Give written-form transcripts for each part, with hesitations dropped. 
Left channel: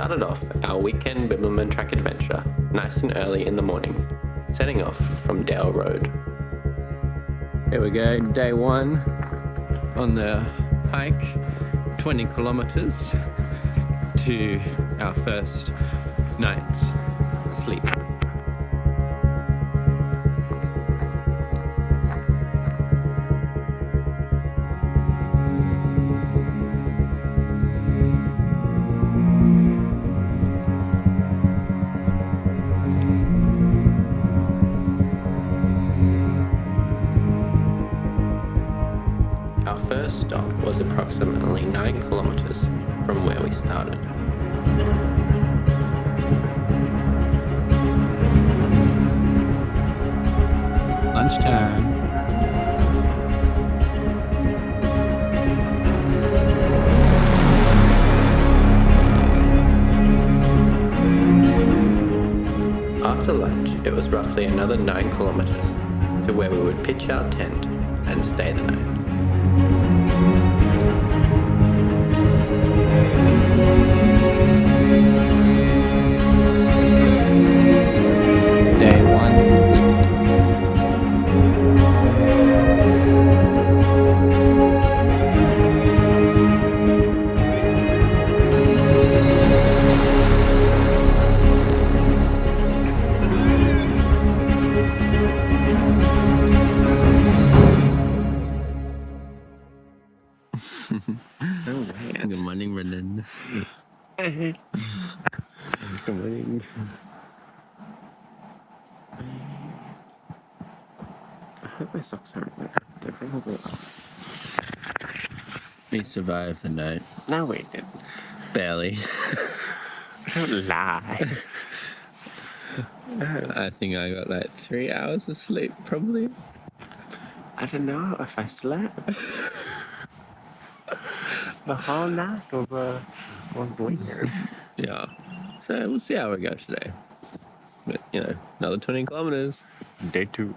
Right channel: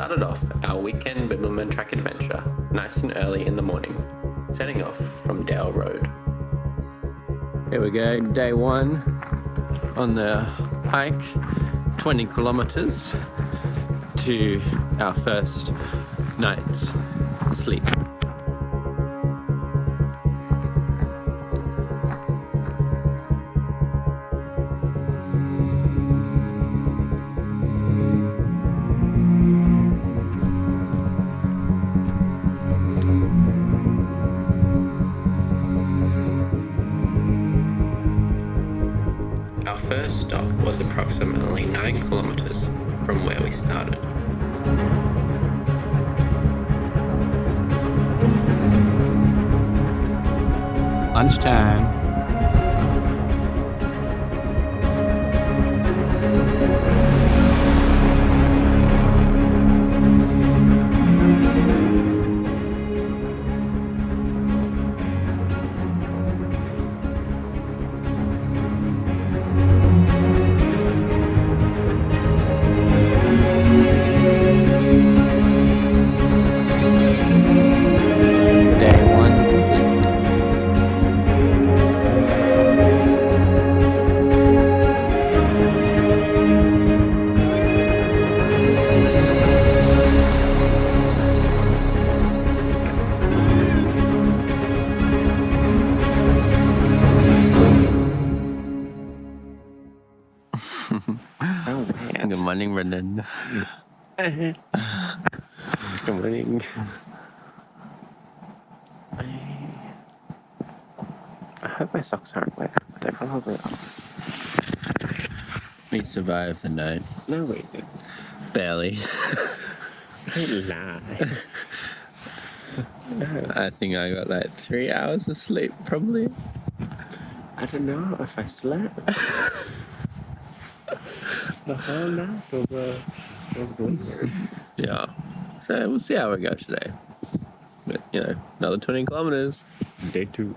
started off our weekend Bibbulmun track adventure nice and early in the morning, setting off from Dale Road. Here we go, day one on the hike, 20 kilometers to our first night's sleep. Our first stop was approximately 9 kilometers from where we started. Lunchtime. After lunch, it was roughly another 9 kilometers to where we would pitch our tent and stay the night. Day one complete. So weird. Good morning, Brendan. Good morning. I hope my socks aren't wet, but they probably are. We survived the night. No, we didn't. Barely. Don't lie. I think I got like 3 hours of sleep, probably. I don't know if I slept. The whole night was weird. Yeah. So we'll see how we go today. But, you know, another 20 kilometers. Day two.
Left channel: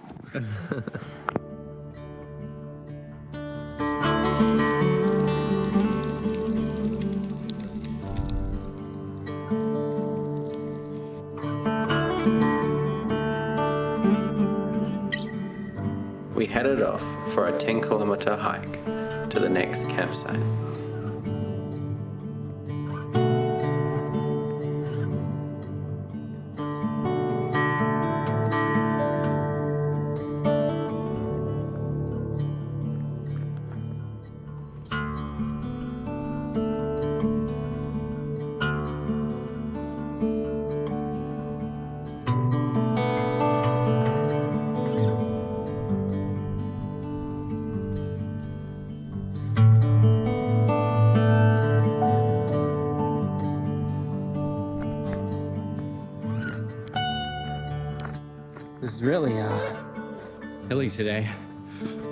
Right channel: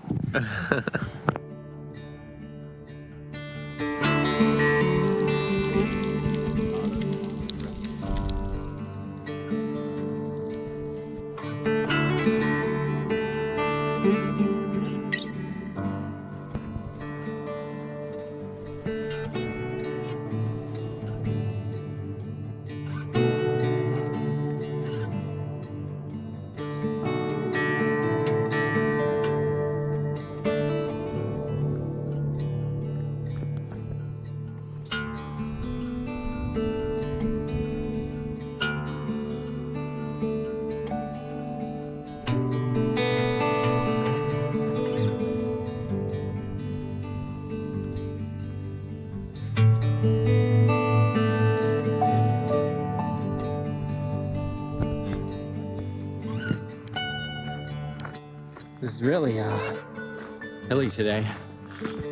We headed off for a 10-kilometer hike to the next campsite. This is really hilly today.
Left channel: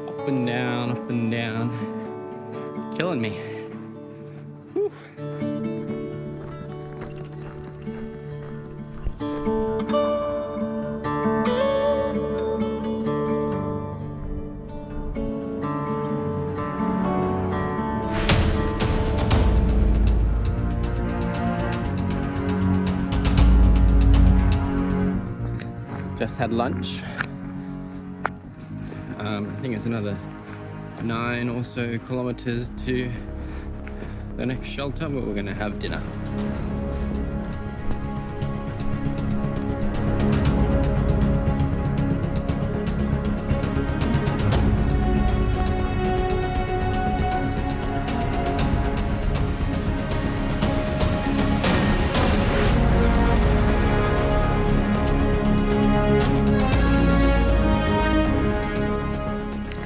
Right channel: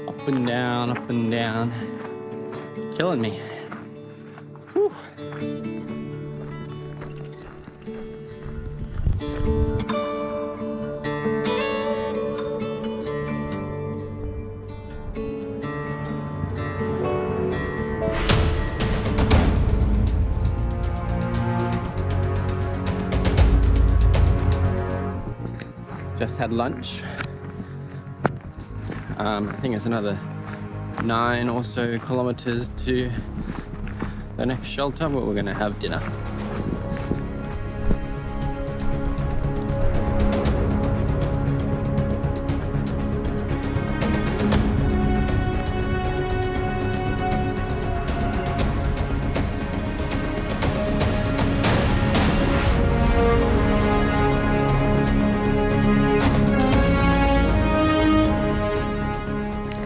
Up and down. Killing me. Whew. Just had lunch. I think it's another 9 or so kilometers to the next shelter where we're gonna have dinner.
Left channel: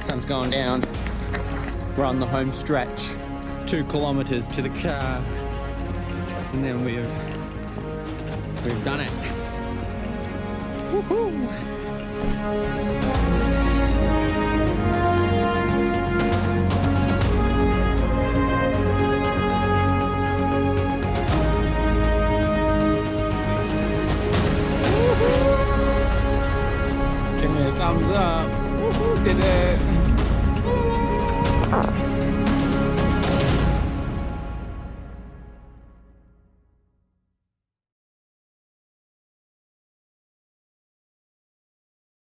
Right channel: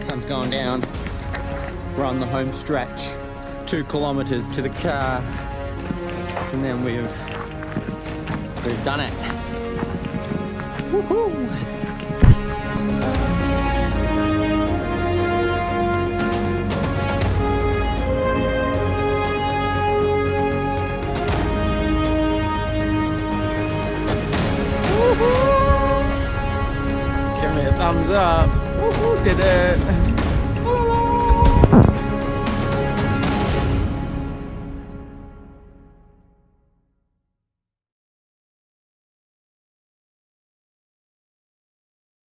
Sun's going down. We're on the home stretch. 2 kilometers to the car. And then we've done it. Woohoo! Give me a thumbs up. Woohoo, did it.